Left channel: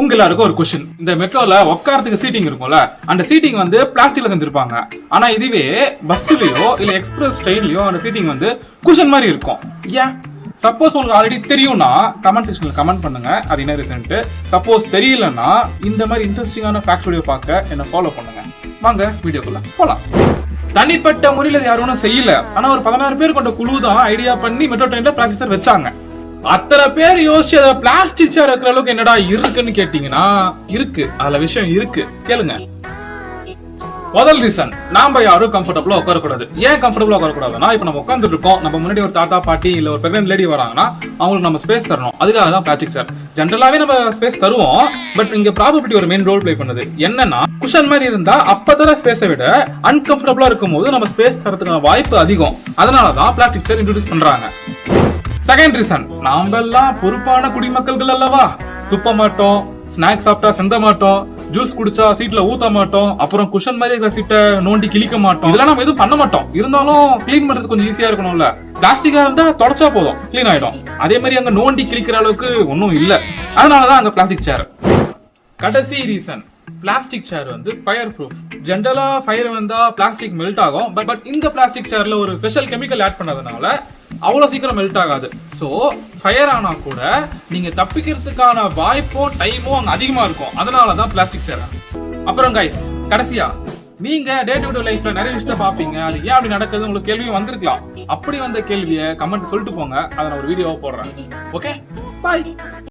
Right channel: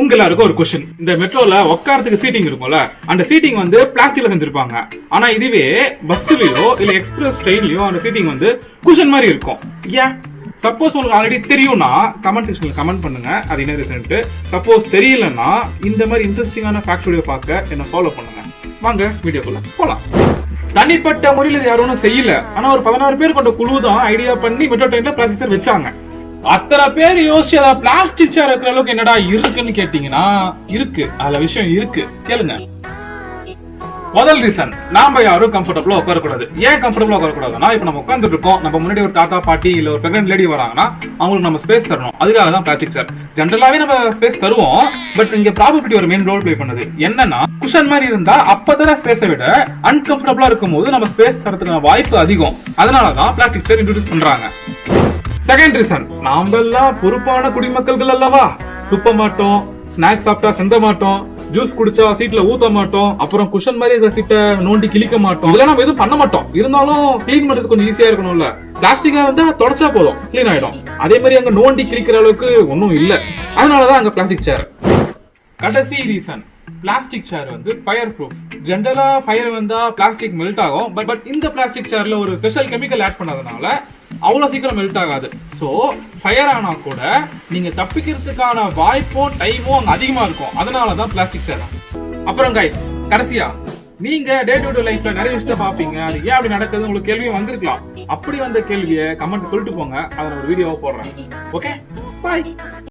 உங்க எல்லாருக்கும் ஒரு கொஸ்டின். இந்த மெட்ரோல உட்காரத்துக்கு சீட்டிங் இருக்கும்ல, அந்த சீட்டிங் வந்து பிளாஸ்டிக்ல செஞ்சிருப்பாங்க. ஆனா இதுவே பஸ்லயோ இல்ல எக்ஸ்பிரஸ் ட்ரெயின்லயோ அந்த சீட்டிங் வந்து குஷன் மாதிரி இருக்கும். ஏன்? சப்போஸ் உங்களுக்கு ஆல்ரெடி தெரியும்னா கமெண்ட் செக்ஷன்ல கமெண்ட் பண்ணுங்க, அது என்ன ரீசன்ட்டு. சப்போஸ் தெரியலன்னா இந்த மாதிரி இன்ட்ரெஸ்டிங்கான ஃபேக்ட் வீடியோ பார்க்க என்ன ஃபாலோ பண்ணுங்க. வாங்க வீடியோக்குள்ள போலாம். தனிப்பட்ட முறையில யாரும் செய்யல, ஆனா ஒரு 16 பேர் கொண்ட குழு தான் ஐடியா பண்ணி மெட்ரோ ட்ரெயின்ல பிளாஸ்டிக் சேர் வச்சாங்க. அத்தனை பேர் யோசிச்சு அதை பிளாஸ்டிக் சேர் வைக்கிற அளவுக்கு என்னடா இருக்குன்னு கேட்டீங்கன்னா இருக்கு, அதுல விஷயம் இருக்கு, கேளுங்க. முதல் ரீசன், நாம யாரும் கம்ஃபர்டபுளா உட்காரக்கூடாது. ஏன் கம்ஃபர்டபுளா உட்காரக்கூடாதுன்னா, இப்ப நம்ம உட்கார்ந்துட்டு இருக்கோம், நம்ம முன்னாடி ஒரு தாத்தா பாட்டி இல்ல ஒரு பிரெக்னன்ட் லேடி வராங்கன்னா அவங்களுக்கு நம்ம ஸ்பேஸ் தரணும். அதுக்காக தான் பிளாஸ்டிக் சேர். ஜென்ரலாவே நம்ம ஸ்பேஸ் தருவோம், பட் இங்க ப்ராபபிலிட்டி ஒரு மெயின் ரோல் பிளே பண்ணுது. என்னன்னா, குஷன் மாதிரி இருந்தா அப்பதான் ஸ்பேஸை விட அன்கம்ஃபர்டபுளா இருக்கும் போது நம்ம ஸ்பேஸ் தரத்துக்கான வாய்ப்பு அதிகம். அதனாலதான் பிளாஸ்டிக் சேர் இன்ட்ரோடியூஸ் பண்றாங்க. செகண்ட் ரீசன், நாம எல்லாம் பொறுப்பான குடிமக்கள்கள் அல்லவா. துப்ப மாட்டோம், ஸ்நாக்ஸ் சாப்பிட்டா சிந்த மாட்டோம், ஜூஸ் குடிச்சா சீட்ல ஊத்த மாட்டோம், அப்புறம் குஷன் மாதிரி இருக்கிற சீட்டை நோண்டி கிழிக்க மாட்டோம். இதெல்லாம் நம்ம எதுவும் பண்ண மாட்டோம். இருந்தாலும் கிளீன் பண்றது கொஞ்சம் ஈஸியா இருக்கணும்ல. பிளாஸ்டிக்கா இருந்தா தொடச்சா போதும், கிளீன் ஆயிடும். அதே மாதிரி அங்க நோண்டி கிழிக்கிற அளவுக்கு ஒன்னும் இல்ல. அதனாலதான் அங்க பிளாஸ்டிக் சேர். கடைசி ரீசன், பிளாஸ்டிக் சேர் வந்து ஃபயர் ப்ரூஃப். ஜென்ரலா ஃபயர் வந்தா பிளாஸ்டிக் மெல்ட் ஆகும், பட் இந்த பிளாஸ்டிக் சேர்ல ஒரு ஸ்பெஷல் கெமிக்கல் ஆட் பண்ணதுனால அவ்வளவு சீக்கிரம் மெல்ட் ஆகாது. சோ ஃபயர் ஆனா கூட நீங்க தப்பிக்கிறதுக்கான வாய்ப்போ டைமோ அங்க அதிகமா இருக்கும். அதனாலதான் பிளாஸ்டிக் சேர். அப்புறம் கைஸ், கடைசியா, நீங்க டே டு டே லைஃப்ல நிறைய விஷயம் பாப்பீங்க, அது ஏன் அப்படி நடக்குது உங்களுக்கு கேள்வியும் வந்திருக்கலாம். அப்படி வந்த கேள்வியை கமெண்ட் சொல்லிட்டு போங்க, அதை நான் ஒரு வீடியோவா போடுறேன். ஓகே, பாய்.